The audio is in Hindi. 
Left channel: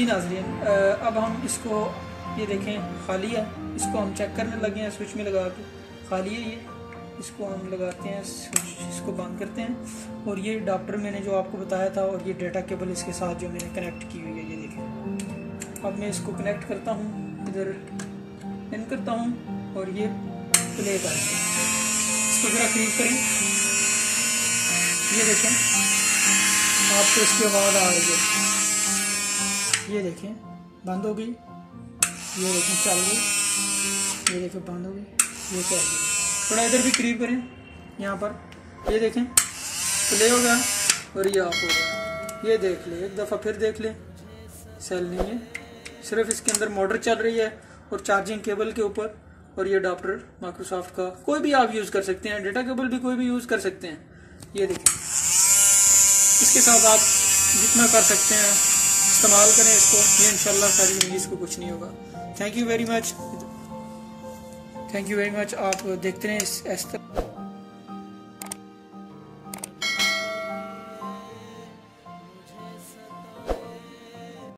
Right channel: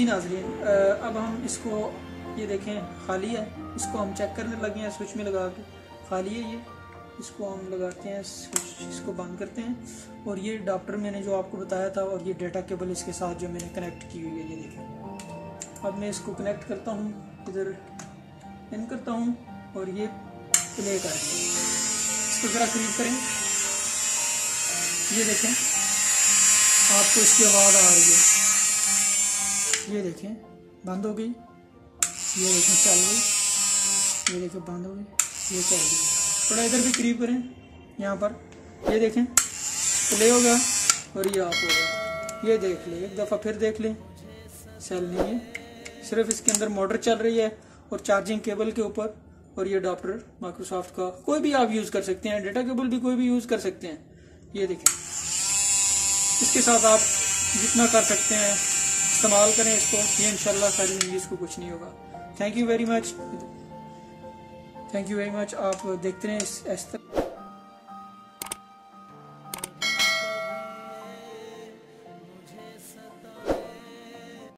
जी नाज़रीन, अब हम इसको ये देखें खाली है, इसको हम चेक करने लगे हैं स्विच में लगा के। खाली है ये, इसको हम लगाते हैं स्विच, इसको बंद करते हैं। और ये अडाप्टर मैंने जो आपको बताया था और ये डाटा केबल इसके साथ जो मैंने कनेक्ट की हुई है, ये देखें। अब मैं इसको कनेक्ट करता हूँ, इधर इन करता हूँ और ये प्ले करते हैं। इसको ज़रा करीब करें, ये देखें आपको इसकी आवाज़ आ रही है। ये देखें बंद हो गई, ये देखें चल गई, ये देखें बंद हो गई, ये चल गई। थोड़ा इधर भी करीब करें, यहाँ पर ये देखें प्ले होगा और ये ऑफ होगा। ये देख ले, एक दफ़ा फिर देख ले, सेल नहीं है, सिर्फ इसके अंदर मोटर चल रही है और चार्जिंग केबल के ऊपर। और ये अडाप्टर माइक्रोसॉफ्ट का कोई भी आप यूज़ कर सकते हैं, डेटा केबल भी कोई भी यूज़ कर सकते हैं। ये देखें, इसके साथ आप जितना कर सकते हैं इस्तेमाल करें इसको, ये इंशाल्लाह सारी जिंदगी इसको कुछ नहीं होगा। Thank you very much, thank you very much. आप देखते रहें इस तरह।